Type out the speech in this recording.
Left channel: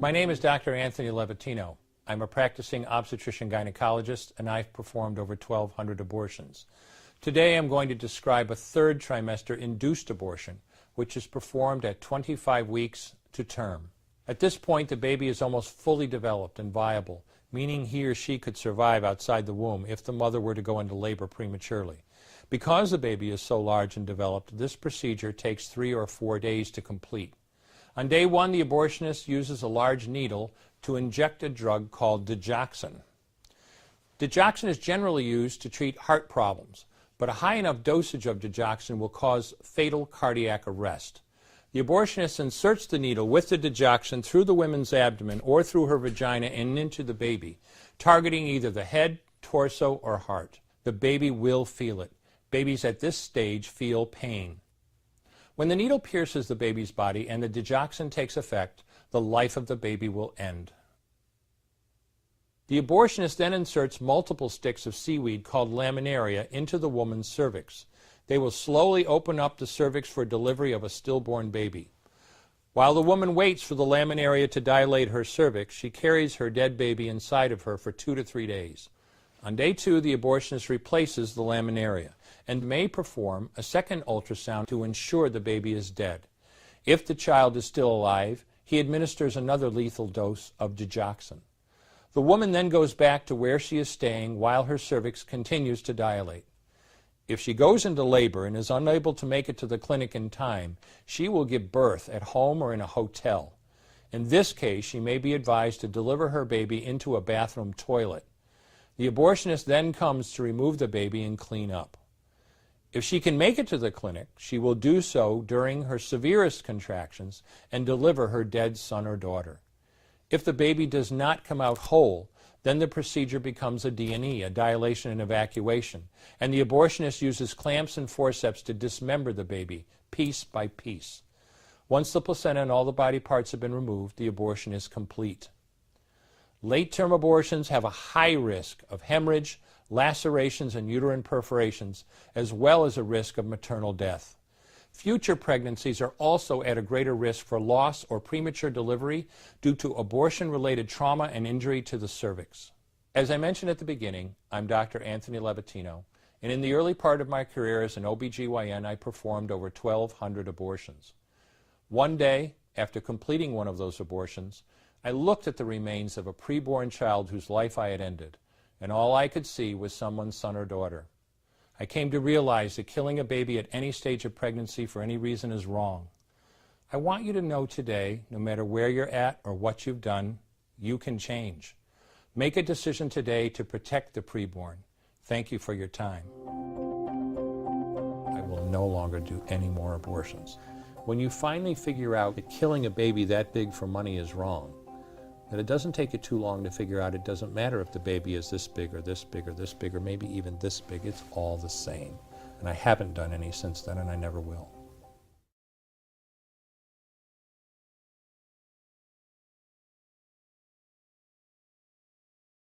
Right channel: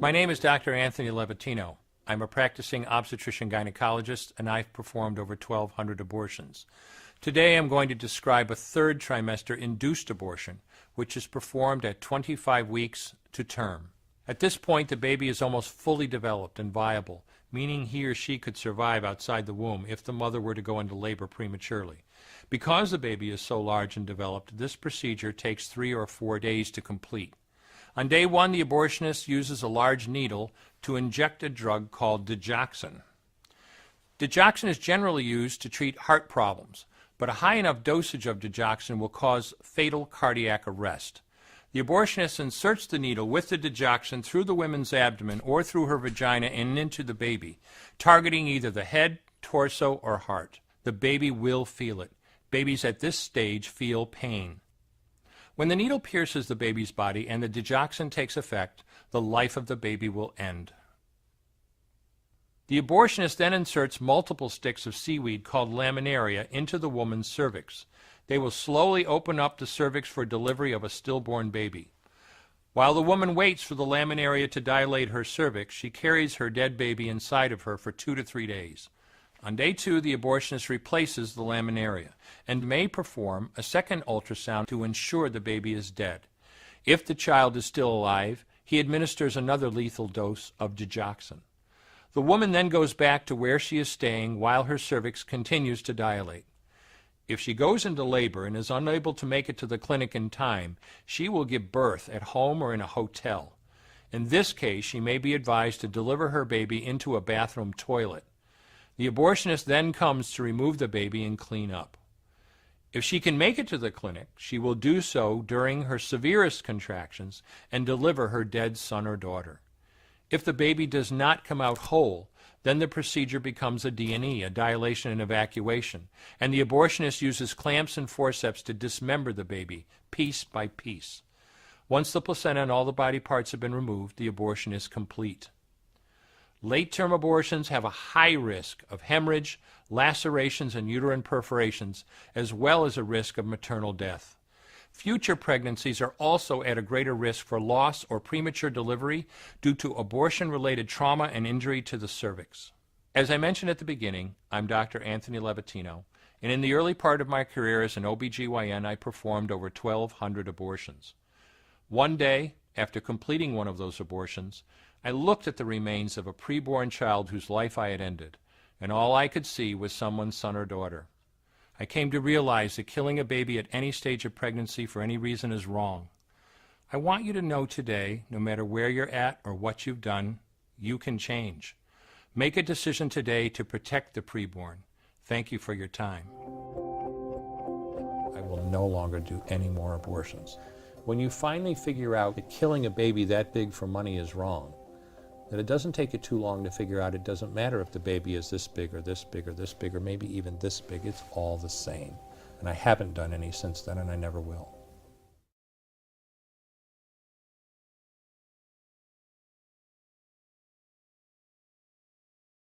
My name is Dr. Anthony Levatino. I'm a practicing obstetrician-gynecologist, and I've performed over 1,200 abortions. Today I'm going to describe a third trimester induced abortion, which is performed at 25 weeks to term. At this point, the baby is almost fully developed and viable, meaning he or she could survive outside the womb if the mother were to go into labor prematurely. Because the baby is so large and developed, this procedure takes 3 or 4 days to complete. On day 1, the abortionist uses a large needle to inject a drug called digoxin. Digoxin is generally used to treat heart problems, but a high enough dosage of digoxin will cause fatal cardiac arrest. The abortionist inserts the needle with the digoxin through the woman's abdomen or through her vagina and into the baby, targeting either the head, torso, or heart. The baby will feel it. Babies at this stage feel pain. When the needle pierces the baby's body and the digoxin takes effect, the life of the baby will end. The abortionist then inserts multiple sticks of seaweed called laminaria into the woman's cervix. They will slowly open up the cervix for delivery of a stillborn baby. While the woman waits for the laminaria to dilate her cervix, she carries her dead baby inside of her for 2 to 3 days. On day 2, the abortionist replaces the laminaria and may perform a second ultrasound to ensure the baby is dead. If the child is still alive, he administers another lethal dose of digoxin. The woman then goes back to where she is staying while her cervix continues to dilate. If she goes into labor and is unable to make it to the clinic in time, she will give birth at home or in a hotel. In this case, she may be advised to deliver her baby into a bathroom toilet. The abortionist then comes to remove the baby and clean up. If she can make it to the clinic, she will do so during her severest contractions and deliver her dead son or daughter. If the baby does not come out whole, then the procedure becomes a D&E, a dilation and evacuation, and the abortionist uses clamps and forceps to dismember the baby, piece by piece. Once the placenta and all the body parts have been removed, the abortion is complete. Late-term abortions have a high risk of hemorrhage, lacerations, and uterine perforations, as well as a risk of maternal death. Future pregnancies are also at a greater risk for loss or premature delivery due to abortion-related trauma and injury to the cervix. As I mentioned at the beginning, I'm Dr. Anthony Levatino, and in the early part of my career as an OBGYN, I performed over 1,200 abortions. One day, after completing one of those abortions, I looked at the remains of a preborn child whose life I had ended, and all I could see was someone's son or daughter. I came to realize that killing a baby at any stage of pregnancy for any reason is wrong. I want you to know today, no matter where you're at or what you've done, you can change. Make a decision today to protect the preborn. Thank you for your time. I will no longer do any more abortions. When you finally figure out that killing a baby that big for money is wrong, that it doesn't take you too long to figure out it doesn't matter if the baby is this big or this big or this big or maybe even this big, it's all the same. And I haven't done any since then, and I never will.